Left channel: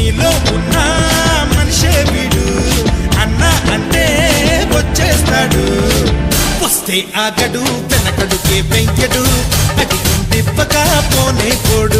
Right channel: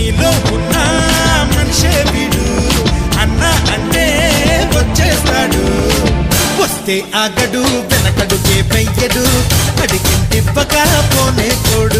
నీలో ఉన్న మనిషే వీడు, అన్న అంటే వచ్చేస్తాడు. వస్తే ఆగడు, వెనకడుకే వెయ్యడు, అడిగిందివ్వగా పోనే పోడు.